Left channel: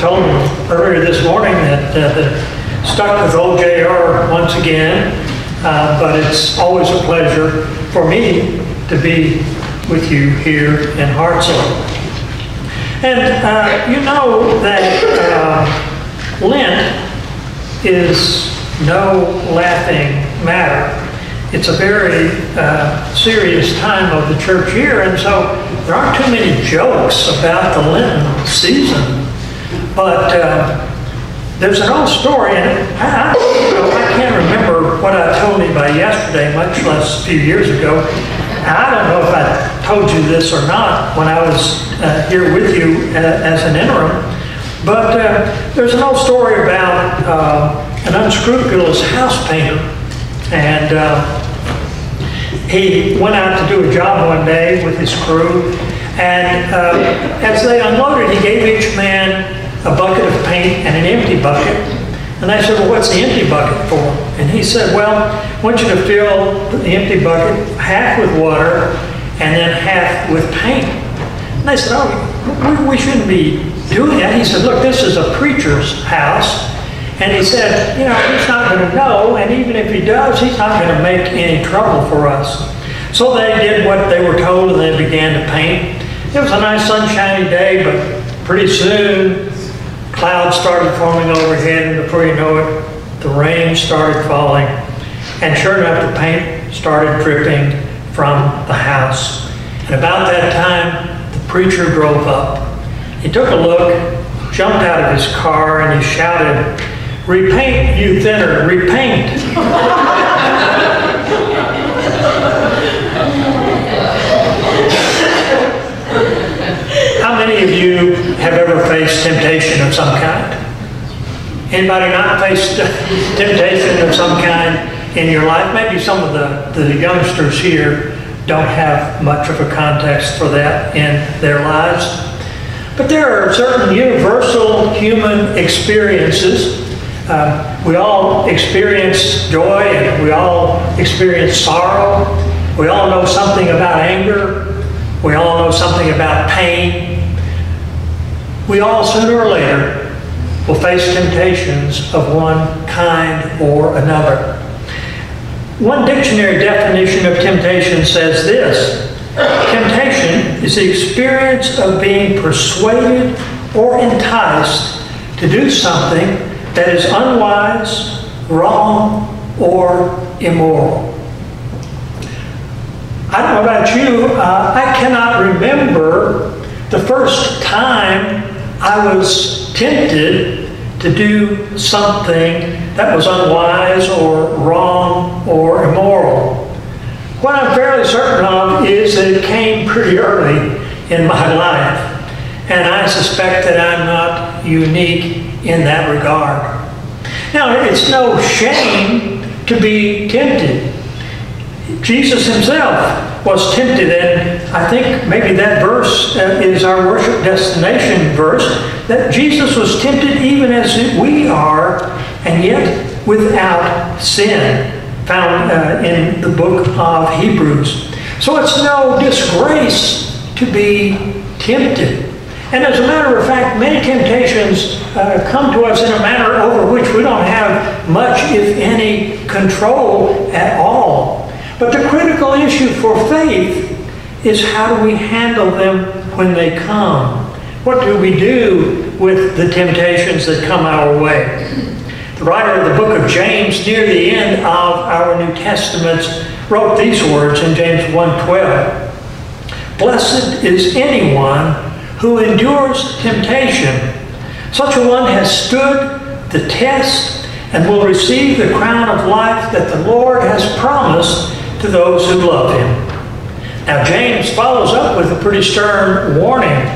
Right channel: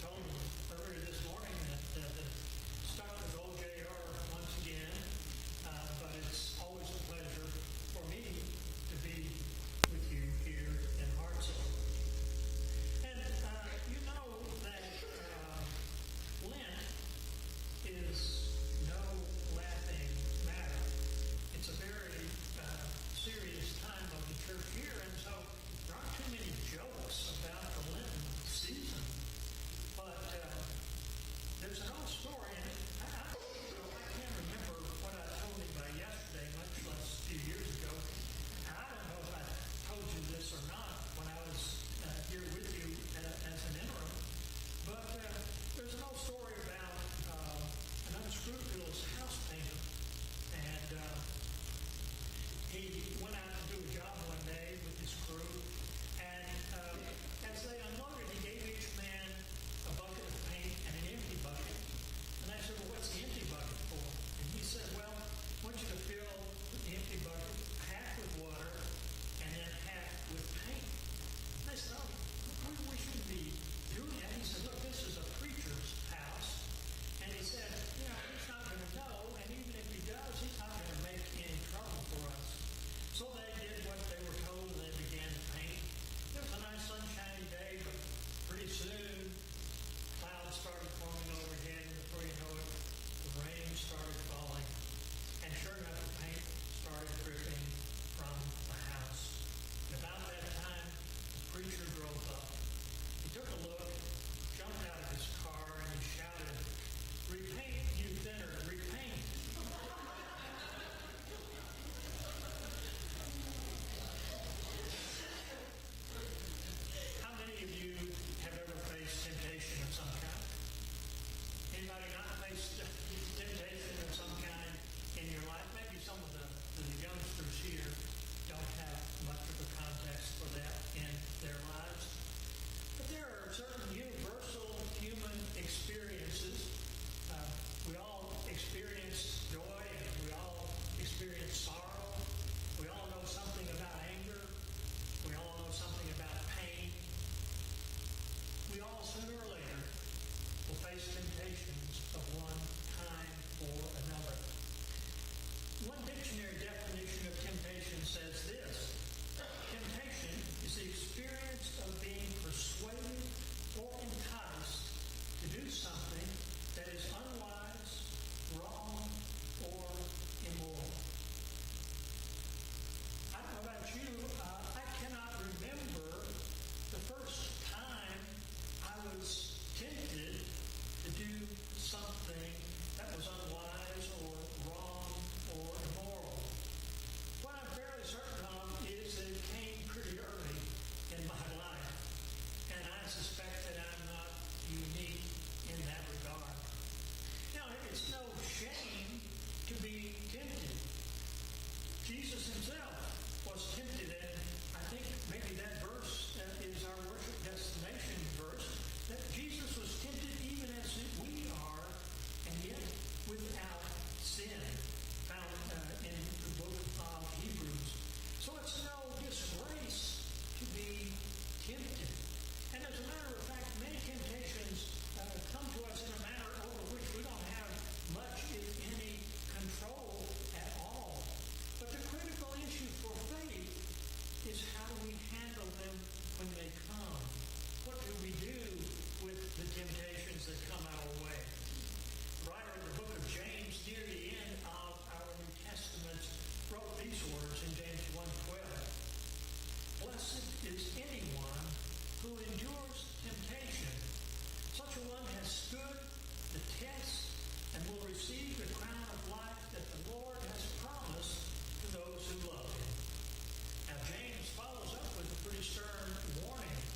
told him earlier this morning that stuck with old JR once again, but it's always a pleasure for me to be with you here in Hartselle. And you know that Lent is no laughing matter. It's a very serious time of the church year, and so there aren't too many jokes about the Lenten season. But there's an old story, and I can't remember what I told anybody yesterday, much less a few years ago. I don't know if I told you this or not when I was here with you as an interim, but there's an old story about an unscrupulous house painter. And he went out to do a job one day with his crew, and as they unloaded, he gave each man a bucket of paint and an empty bucket. And they said, well, what's the empty bucket for? And he said, well, I want you to fill the empty bucket half with water and then half with paint. And they said, oh, we shouldn't be doing that. He said, look, this is a preacher's house. And he said, you know, he's not going to know, and even if he does, he's not going to make any trouble for us. So they did what they were told, and they began to paint. It was a nice sunshiny day, but pretty soon clouds started forming overhead, and before you know it, the rain started falling. And sure enough, the paint started dripping from the house. And about that time, the preacher drove up. He took a look, jumped out of his car, and he shouted, "Repaint, you thinner, repaint." How many of you have ever faced temptation of some kind? Anybody not faced temptation of some kind in your life? Maybe some of the youngsters here don't have much of a context for that in their lives. But there are certain universal human experiences. We all experience joy, and we all experience sorrow. We all know something about anger. We all know something about pain. We all, sooner or later, will face temptations of one kind or another. One dictionary definition of temptation says this: temptation is the experience of being persuaded or enticed to do something that is unwise, wrong, or immoral. I don't know about you, I cannot remember the first time I was tempted to do something that was unwise or wrong or immoral. What I'm fairly certain of is that it came pretty early in my life, and I suspect that I'm not unique in that regard. Now, it's no shame to be tempted. Jesus himself was tempted, and I think maybe that verse is our worship destination verse, that Jesus was tempted even as we are, and yet without sin, found in the book of Hebrews. So it's no disgrace to be tempted. And as a matter of fact, many temptations come to us in a manner over which we don't have much, if any, control at all. But the critical issue for faith is, how do we handle them when they come? What do we do with the temptations that come our way? The writer of the book of James, near the end of our New Testaments, wrote these words in James 1:12. "Blessed is anyone who endures temptation. Such a one has stood the test and will receive the crown of life that the Lord has promised to those who love him." Now, James follows up with a pretty stern warning.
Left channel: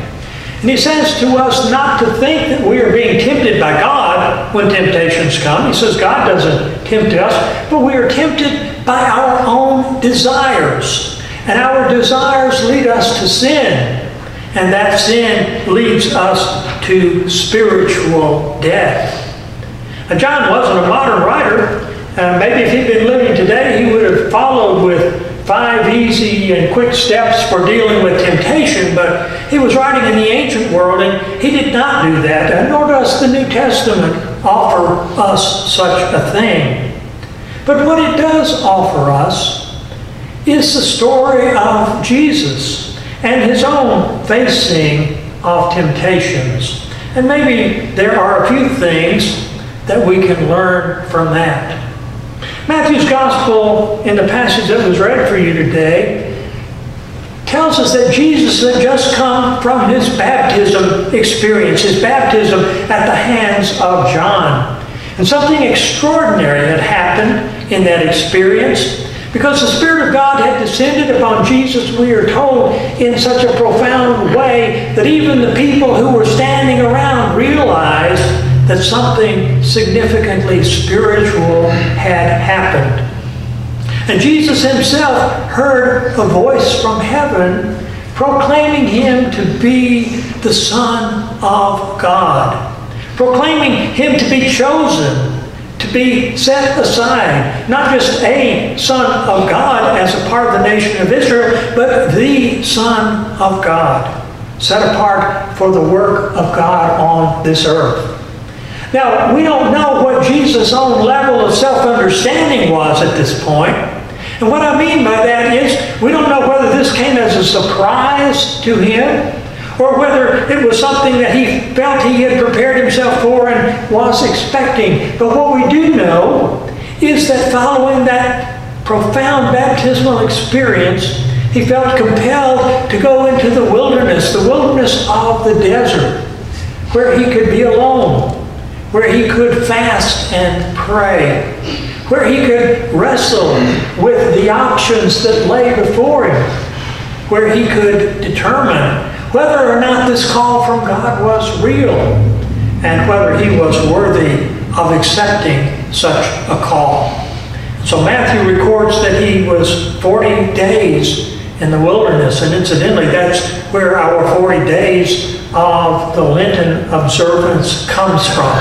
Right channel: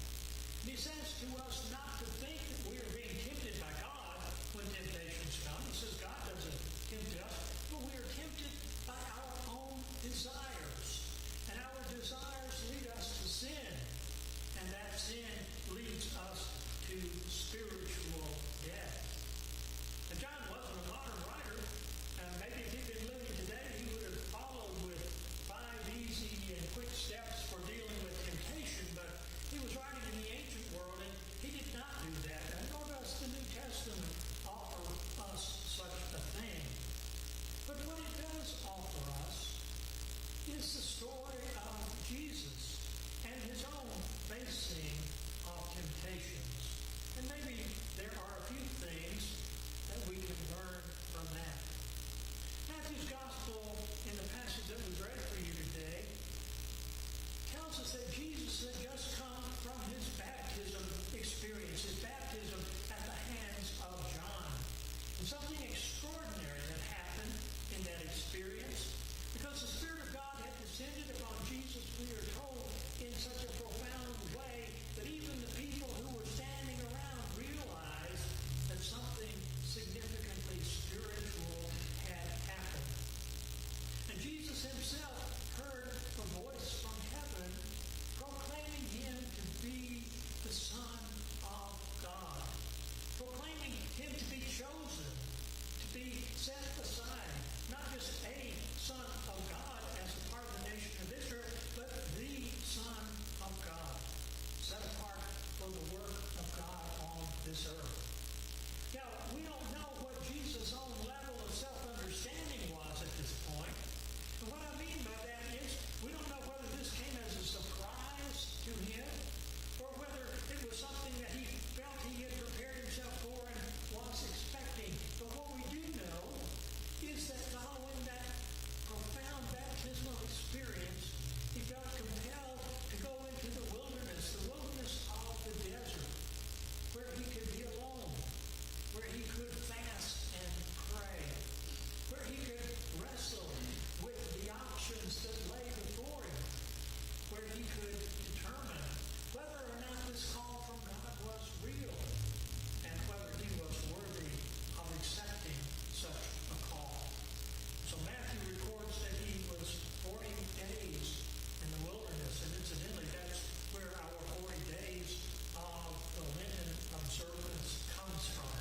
And he says to us not to think that we are being tempted by God when temptations come. He says God doesn't tempt us, but we are tempted by our own desires. And our desires lead us to sin. And that sin leads us to spiritual death. Now, John wasn't a modern writer. Maybe if he'd been living today, he would have followed with 5 easy and quick steps for dealing with temptation, but he was writing in the ancient world, and he did not do that, and nor does the New Testament offer us such a thing. But what it does offer us is the story of Jesus and his own facing of temptations. And maybe there are a few things that we can learn from that. Matthew's Gospel, in the passage that was read for you today, tells us that Jesus had just come from his baptism experience, his baptism at the hands of John. And something extraordinary had happened in that experience, because the Spirit of God had descended upon Jesus, we are told, in such a profound way that even the people who were standing around realized that something significantly spiritual had happened. And Jesus himself heard a voice from heaven proclaiming him to be the Son of God, proclaiming him to be chosen, to be set aside, not just a Son of God as a part of the nation of Israel, but the Son of God, set apart for the work of God on this earth. Now, we don't know what Jesus' own level of self-understanding was at this point. And what I mean by that is, we don't know whether this came as a surprise to him, or whether it was something that he felt he had prepared himself for and was expecting. But what we do know is that following that profound baptismal experience, he felt compelled to go into the wilderness of the desert, where he could be alone, where he could fast and pray, where he could wrestle with the options that lay before him, where he could determine whether or not this call from God was real, and whether he was worthy of accepting such a call. So Matthew records that he was 40 days in the wilderness, and incidentally, that's where our 40 days of the Lenten observance comes from.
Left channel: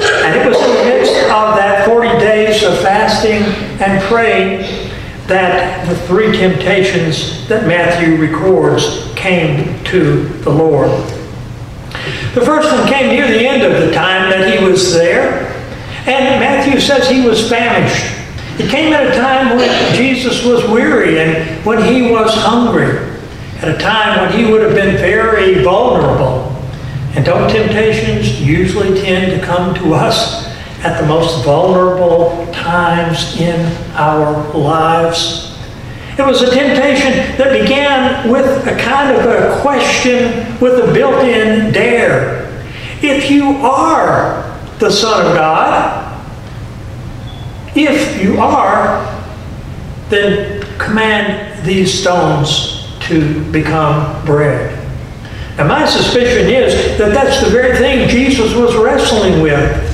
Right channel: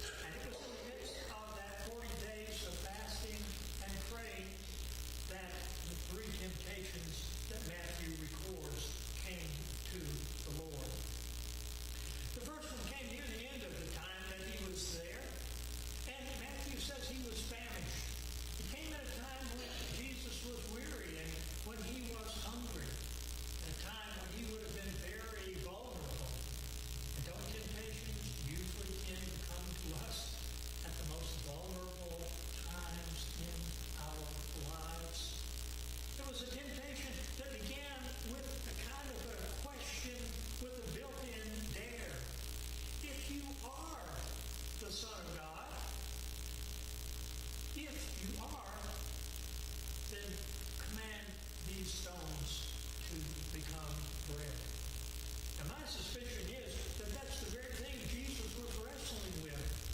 And it was in the midst of that 40 days of fasting and praying that the 3 temptations that Matthew records came to the Lord. The first one came near the end of the time that he was there, and Matthew says he was famished. It came at a time when Jesus was weary and when he was hungry, at a time when he would have been very vulnerable. And don't temptations usually tend to come to us at the most vulnerable times in our lives? It was a temptation that began with a kind of a question with a built-in dare. If you are the Son of God, if you are, then command these stones to become bread. Now, my suspicion is that that's the very thing Jesus was wrestling with.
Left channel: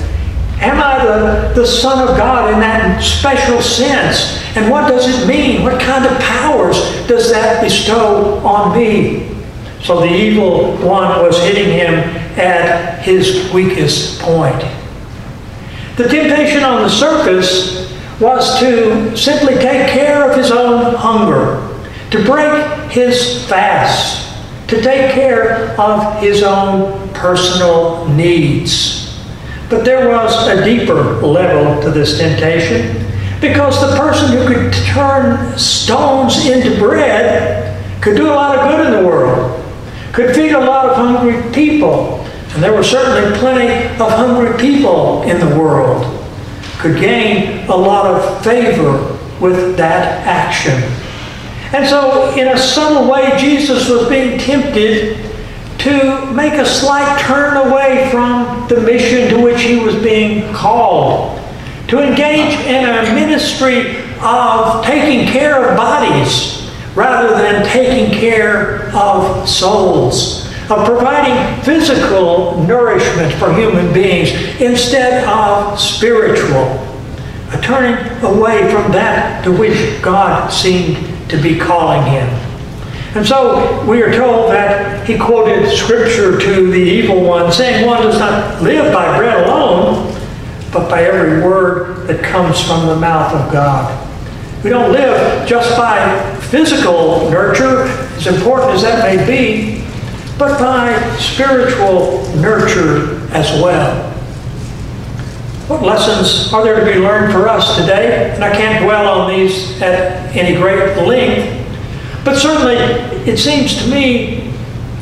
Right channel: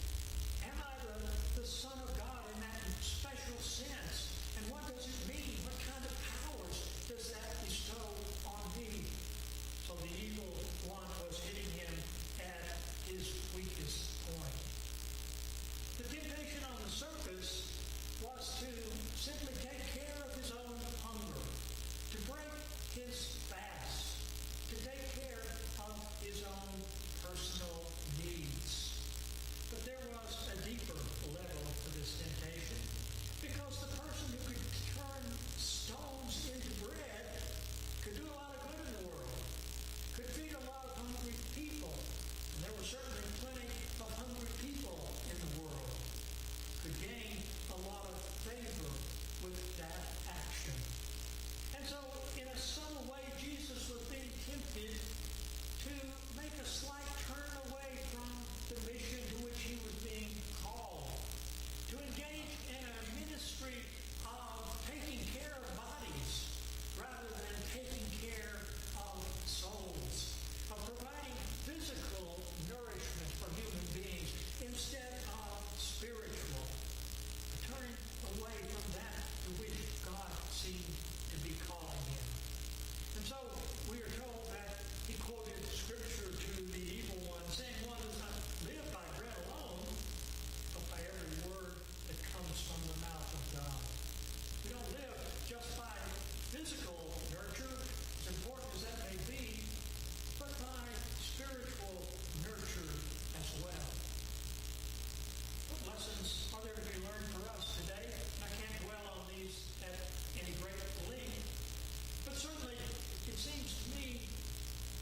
Am I the Son of God in that special sense? And what does it mean? What kind of powers does that bestow on me? So the evil one was hitting him at his weakest point. The temptation on the surface was to simply take care of his own hunger, to break his fast, to take care of his own personal needs. But there was a deeper level to this temptation, because the person who could turn stones into bread could do a lot of good in the world, could feed a lot of hungry people, and there were certainly plenty of hungry people in the world, could gain a lot of favor with that action. And so, in a subtle way, Jesus was being tempted to make a slight turn away from the mission to which he was being called, to engage in a ministry of taking care of bodies rather than taking care of souls, of providing physical nourishment for human beings instead of spiritual, a turning away from that to which God seemed to be calling him. And so we are told that he quoted scripture to the evil one, saying, "One does not live by bread alone, but by every word that comes from the mouth of God." We don't live just by physical nurture, as important as that may be, but by spiritual nurture as well. What lessons are there to be learned for us today? And I can't dwell on these at any great length, but certainly it seems to me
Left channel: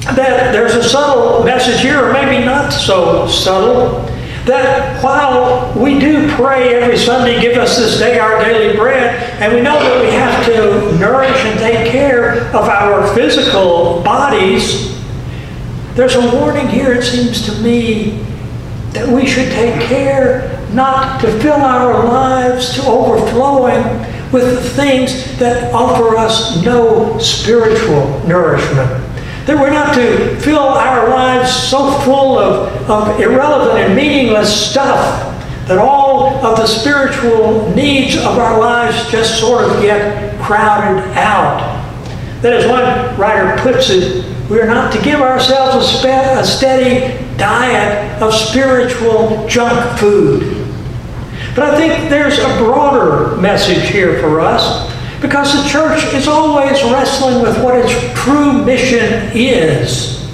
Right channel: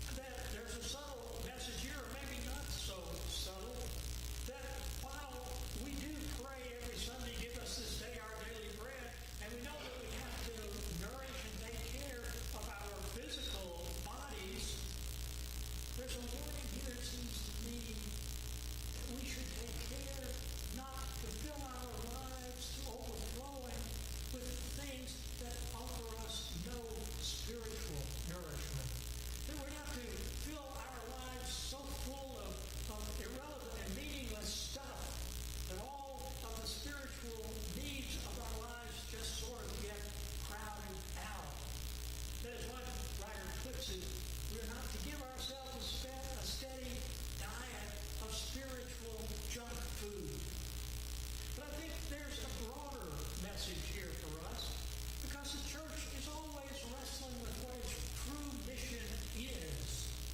that there's a subtle message here, or maybe not so subtle, that while we do pray every Sunday, give us this day our daily bread, and we know that we have to nourish and take care of our physical bodies, there's a warning here, it seems to me, that we should take care not to fill our lives to overflowing with the things that offer us no spiritual nourishment. That we're not to fill our lives so full of irrelevant and meaningless stuff that all of the spiritual needs of our lives just sort of get crowded out. That, as one writer puts it, we are not to give ourselves a steady diet of spiritual junk food. But I think there's a broader message here for us, because the church is always wrestling with what its true mission is.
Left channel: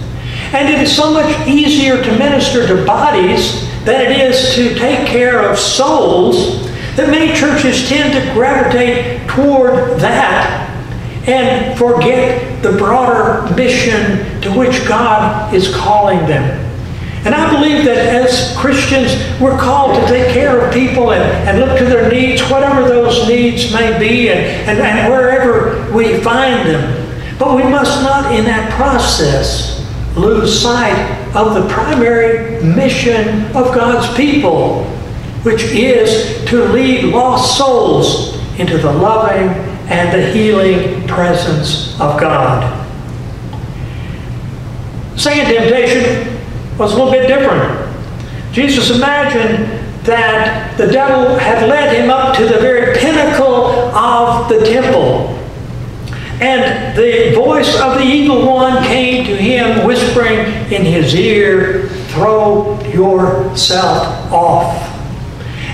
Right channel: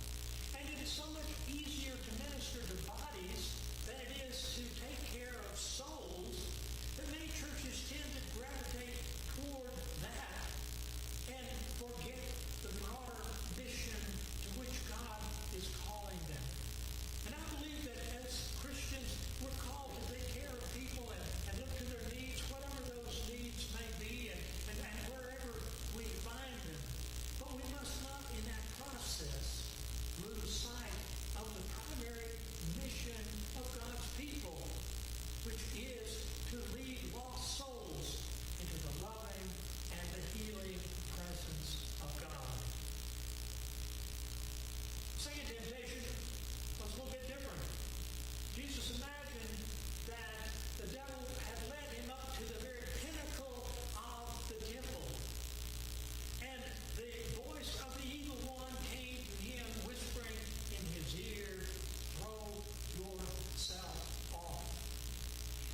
And it is so much easier to minister to bodies than it is to take care of souls, that many churches tend to gravitate toward that and forget the broader mission to which God is calling them. And I believe that as Christians, we're called to take care of people and look to their needs, whatever those needs may be, and wherever we find them. But we must not, in that process, lose sight of the primary mission of God's people, which is to lead lost souls into the loving and the healing presence of God. Second temptation was a little bit different. Jesus imagined that the devil had led him up to the very pinnacle of the temple. And the voice of the evil one came to him, whispering in his ear, "Throw yourself off."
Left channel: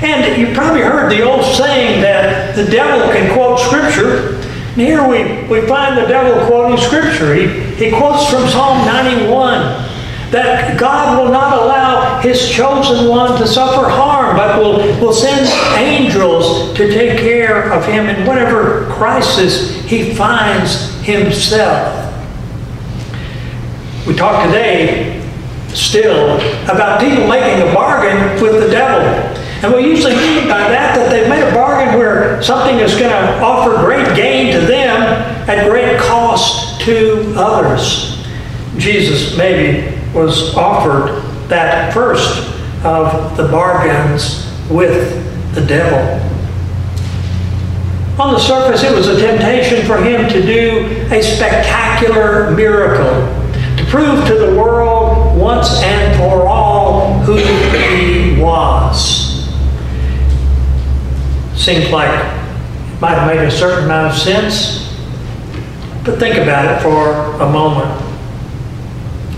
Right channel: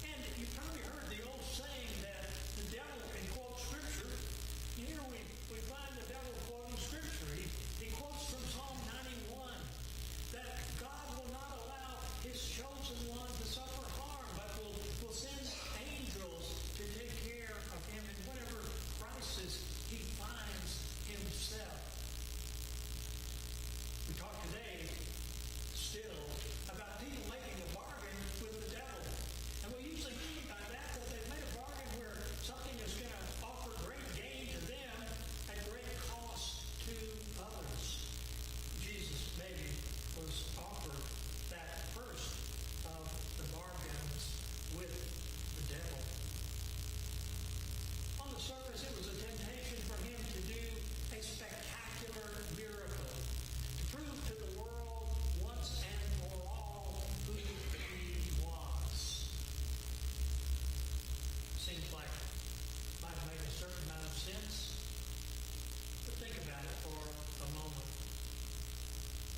And you probably heard the old saying that the devil can quote Scripture. And here we find the devil quoting Scripture. He quotes from Psalm 91. That God will not allow His chosen one to suffer harm, but will send angels to take care of him in whatever crisis he finds himself. We talk today still about people making a bargain with the devil. And we usually mean by that they've made a bargain where something is going to offer great gain to them at great cost to others. Jesus maybe was offered that first of the bargains with the devil. On the surface, it was a temptation for him to do a spectacular miracle, to prove to the world once and for all who he was. Seems like it might have made a certain amount of sense, but think about it for a moment.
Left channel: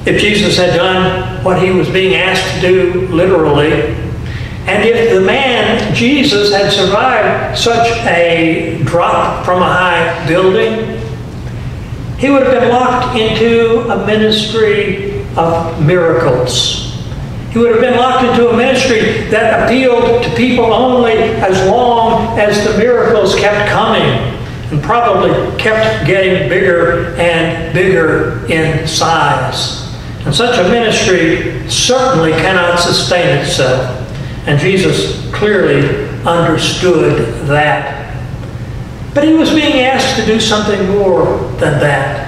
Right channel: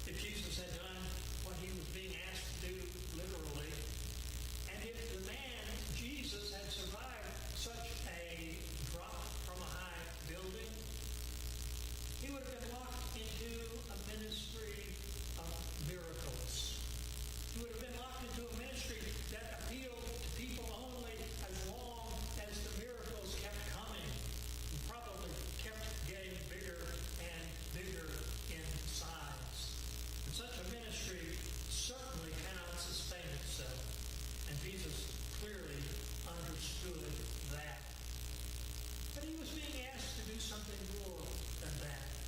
If Jesus had done what he was being asked to do literally, and if the man, Jesus, had survived such a drop from a high building, he would have been locked into a ministry of miracles. He would have been locked into a ministry that appealed to people only as long as the miracles kept coming, and probably kept getting bigger and bigger in size. And such a ministry certainly cannot sustain itself. And Jesus clearly understood that. But he was being asked to do something more than that.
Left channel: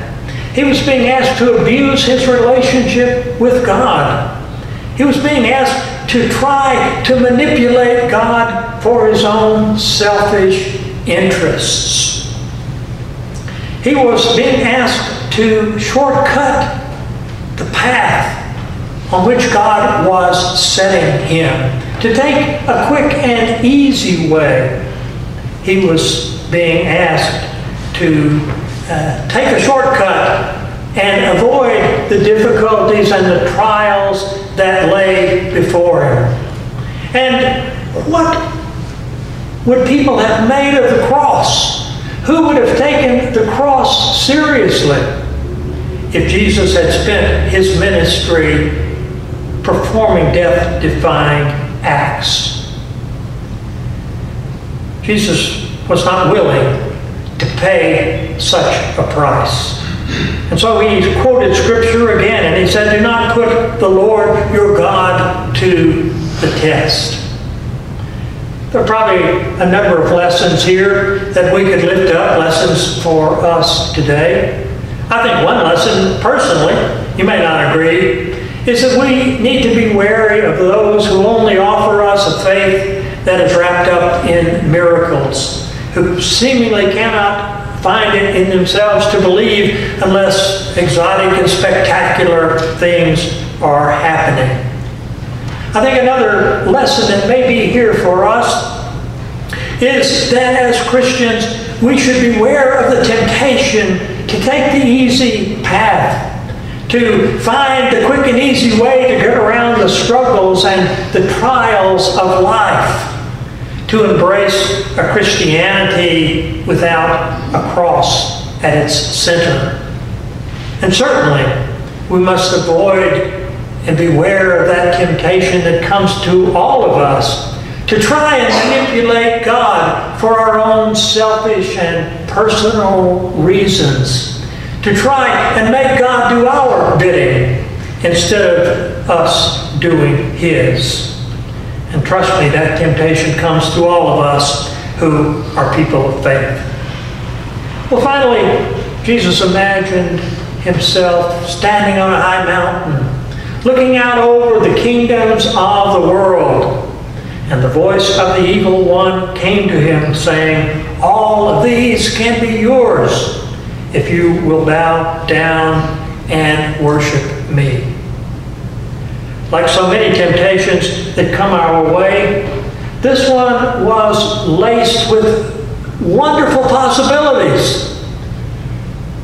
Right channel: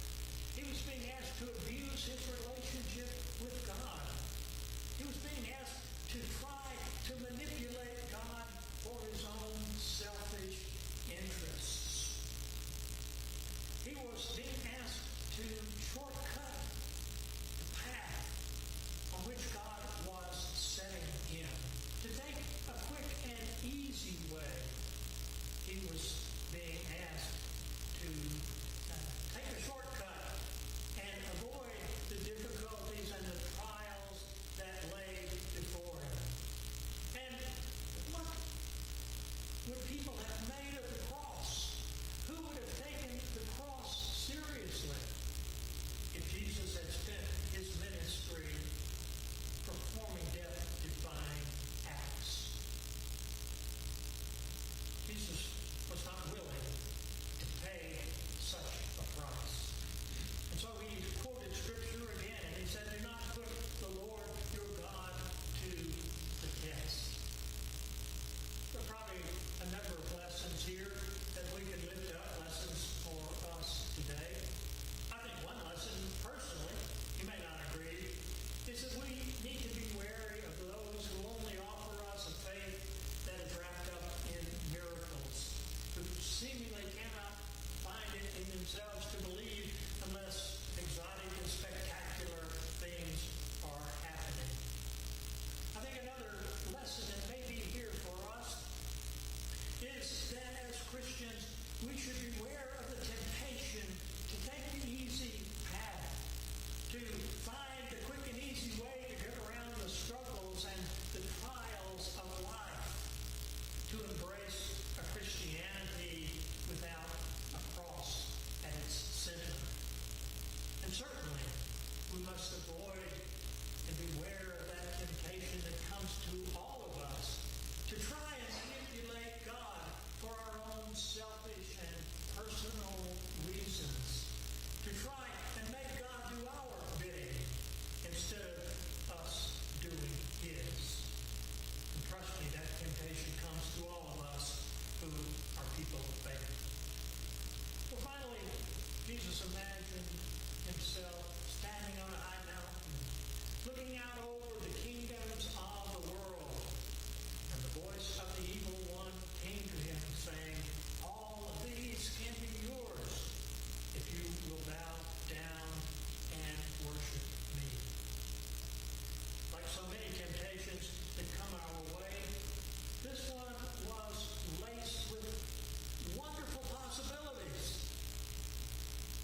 He was being asked to abuse his relationship with God. He was being asked to try to manipulate God for his own selfish interests. He was being asked to shortcut the path on which God was setting him, to take a quick and easy way. He was being asked to take a shortcut and avoid the difficulties and the trials that lay before him. And what would people have made of the cross who would have taken the cross seriously if Jesus had spent his ministry performing death-defying acts? Jesus was not willing to pay such a price. And so he quoted Scripture again, and he said, "Do not put the Lord your God to the test." There are probably a number of lessons here that we could lift up, lessons for us today. I think one lesson, personally, you may not agree, is that we need to be wary of those who only offer us a faith that is wrapped up in miracles, who seemingly cannot find it in themselves to believe unless exotic and spectacular things are happening. I think another lesson that may be here for us is that as Christians, we should beware of the temptation to take the easy path, to find the quick and easy way to get around the struggles and the trials of life, to embrace a Christianity without a cross at its center. And certainly, we must avoid and beware of that temptation that comes to all of us to try and manipulate God for our own selfish and personal reasons, to try and make God do our bidding instead of us doing his. And trust me, that temptation comes to all of us who are people of faith. Well, finally, Jesus imagined himself standing on a high mountain, looking out over the kingdoms of the world. And the voice of the evil one came to him, saying, "All of these can be yours if you will bow down and worship me." Like so many temptations that come our way, this one was laced with wonderful possibilities.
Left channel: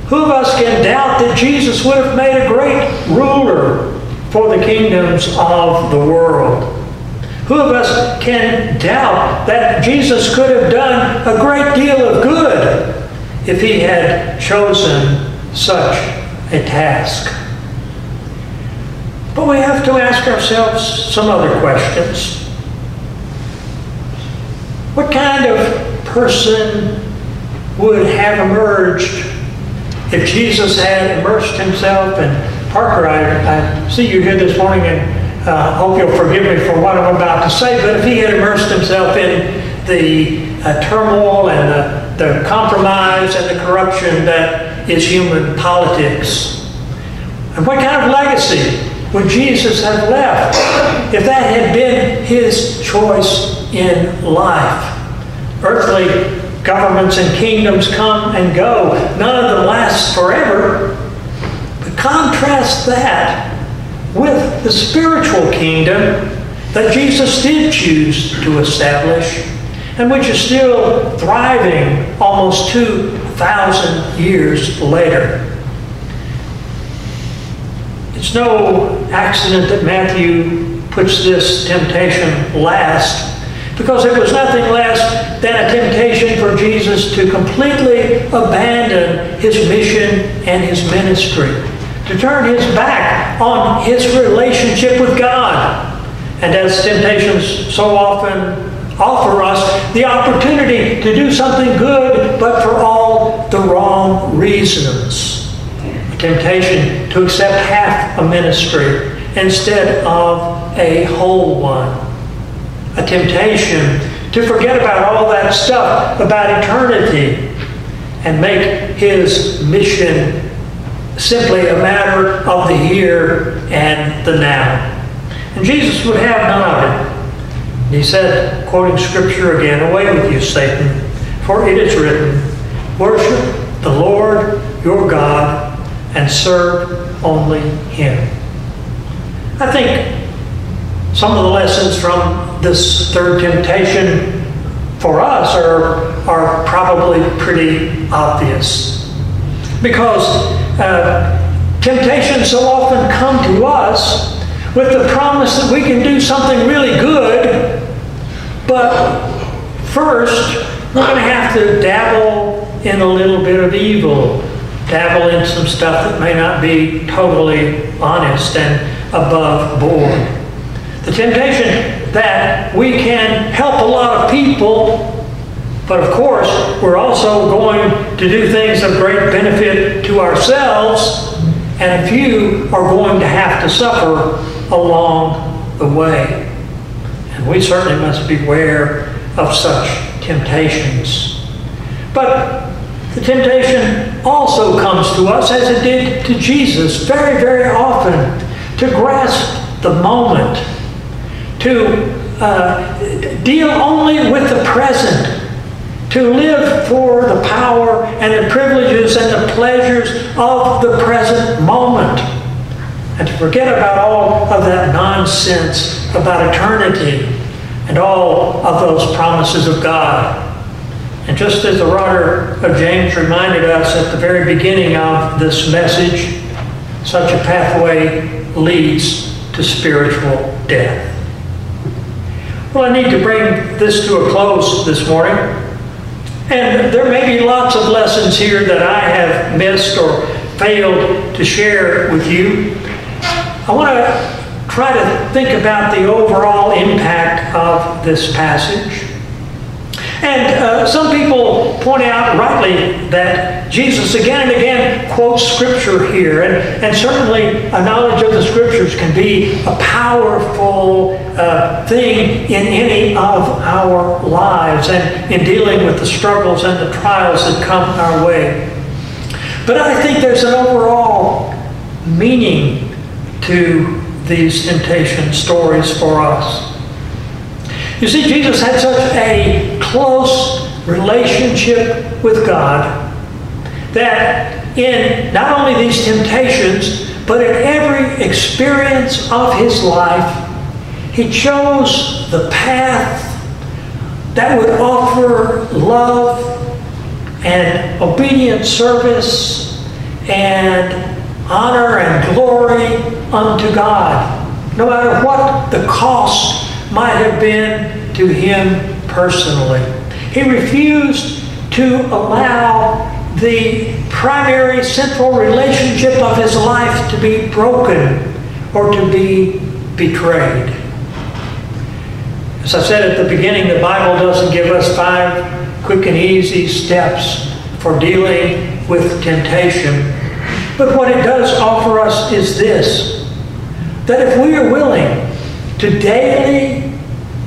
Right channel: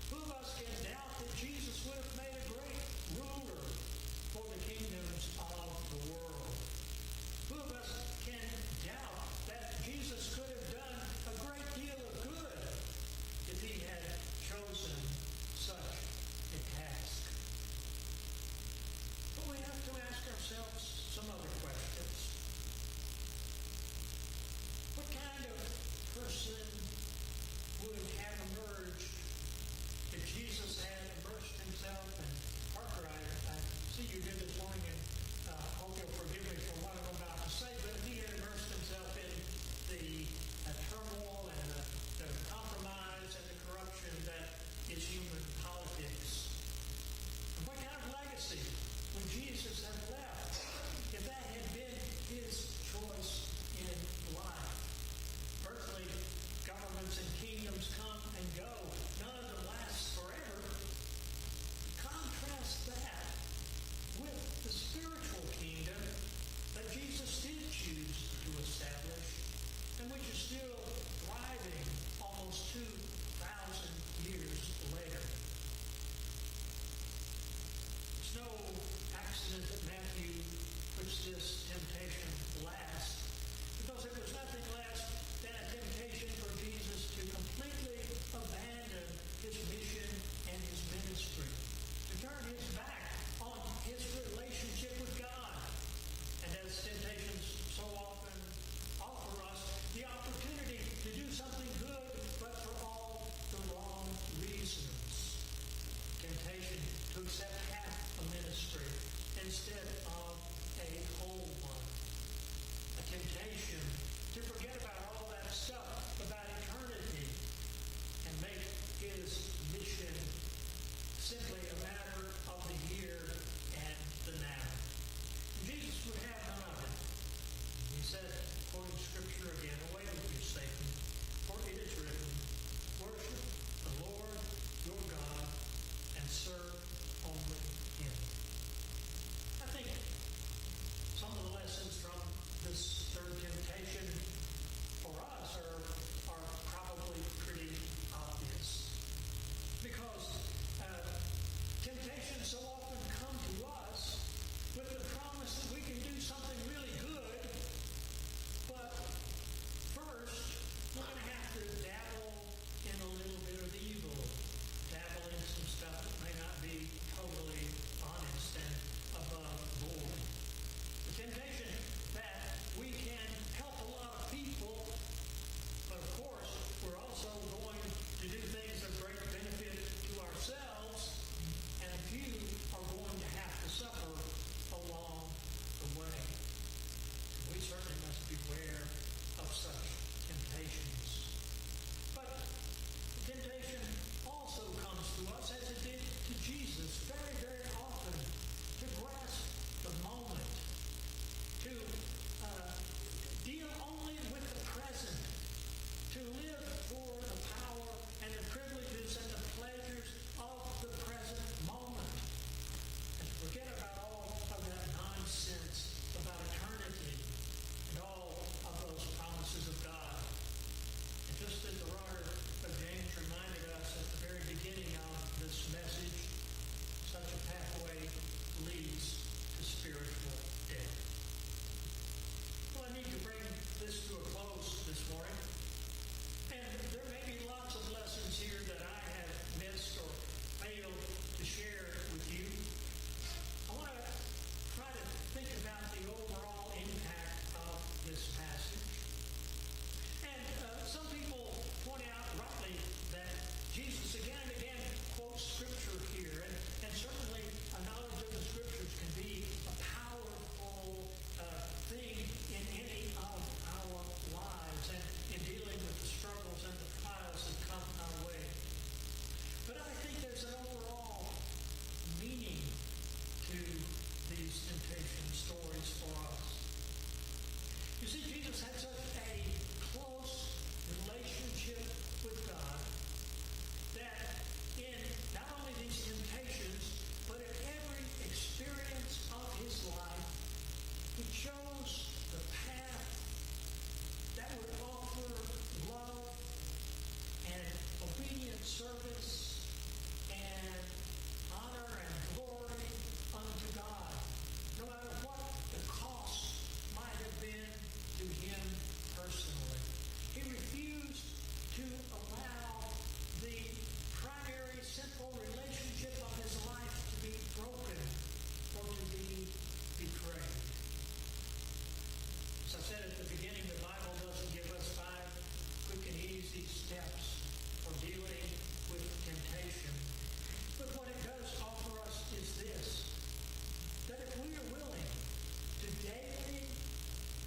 Who of us can doubt that Jesus would have made a great ruler for the kingdoms of the world? Who of us can doubt that Jesus could have done a great deal of good if he had chosen such a task? But we have to ask ourselves some other questions. What kind of person would have emerged if Jesus had immersed himself? And Parker, I see you here this morning, and hope you'll forgive me for what I'm about to say, but if he had immersed himself in the turmoil and the compromise and the corruption that is human politics, and what kind of legacy would Jesus have left if that had been his choice in life? Earthly governments and kingdoms come and go. None of them last forever. But contrast that with the spiritual kingdom that Jesus did choose to establish, and which is still thriving almost 2,000 years later. It's no accident that Matthew puts this temptation last, because it was nothing less than a temptation for Jesus to completely abandon his mission and his ministry, to turn his back on his relationship with God. And as temptations so often offer us, the opportunity to do something good, but for all the wrong reasons. A temptation to accept half a ministry instead of a whole one. A temptation to forget about all that stuff about eternity and make his mission simply a matter of the here and the now. And Jesus would have none of it. He said, quoting Scripture again, "Away with you, Satan, for it is written, worship the Lord your God and serve only him." I think some of the lessons from this third temptation for us are probably pretty obvious. Because temptations so often come to us with the promise that we can do something really good, but first we're going to have to dabble in a little bit of evil, dabble in some stuff that may not be totally honest and above board. The temptation that we can help a lot of people, but of course, we're also going to do things of great benefit to ourselves, and a few are going to have to suffer along the way. And we certainly must beware of such temptations. But the temptation also comes to us, as it did to Jesus very, very often, to grasp the moment, to deal only with the present, to live for the power and the privileges and the pleasures of the present moment, and to forget about all of that nonsense about eternity and all of those promises of God. And just as the writer of James reminded us at the very beginning of this message, such a pathway leads to spiritual death. Well, I need to bring this to a close this morning. And there may be lots of lessons here that I have missed or failed to share with you. I want to try to think about the overall impact of this passage. And some people point out rightly that Jesus again and again quotes Scripture here. And certainly a knowledge of the Scriptures can be a powerful thing in any of our lives and in dealing with the struggles and the trials that come our way. But I think there's an overall meaning to these temptation stories for us. You see, Jesus had such a close relationship with God that in not only these temptations, but in every experience of his life, he chose the path that would offer love and obedient service and honor and glory unto God, no matter what the cost might have been to him personally. He refused to allow the primary central relationship of his life to be broken or to be betrayed. As I said at the beginning, the Bible doesn't give us 5 quick and easy steps for dealing with temptation. But what it does offer us is this, that if we are willing to daily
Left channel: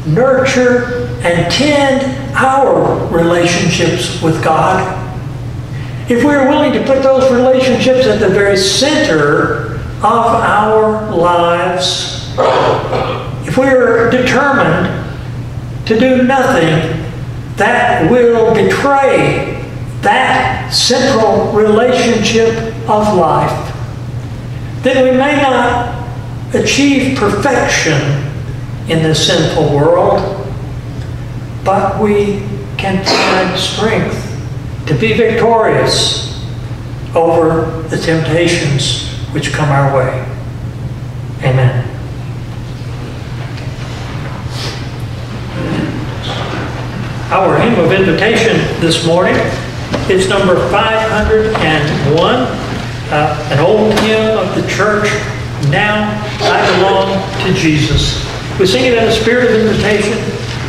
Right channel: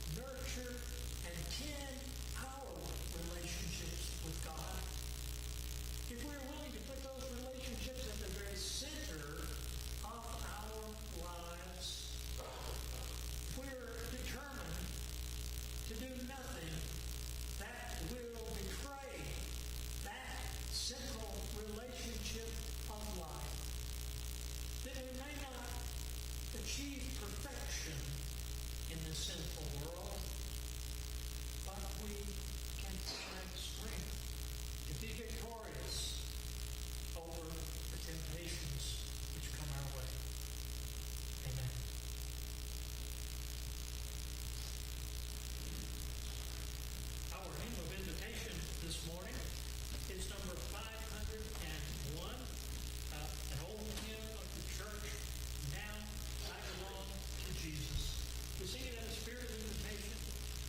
nurture and tend our relationships with God, if we are willing to put those relationships at the very center of our lives, if we are determined to do nothing that will betray that central relationship of life, then we may not achieve perfection in this sinful world, but we can find strength to be victorious over the temptations which come our way. Amen. Our hymn of invitation this morning is number 501, an old hymn of the church, Now I Belong to Jesus. We sing it in a spirit of invitation.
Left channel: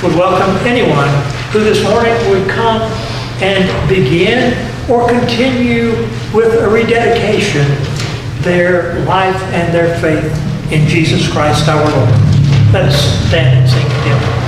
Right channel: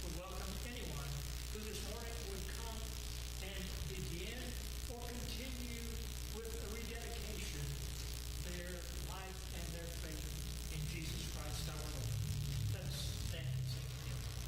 Would welcome anyone who this morning would come and begin or continue with a rededication their life and their faith in Jesus Christ our Lord. Let us stand and sing the hymn.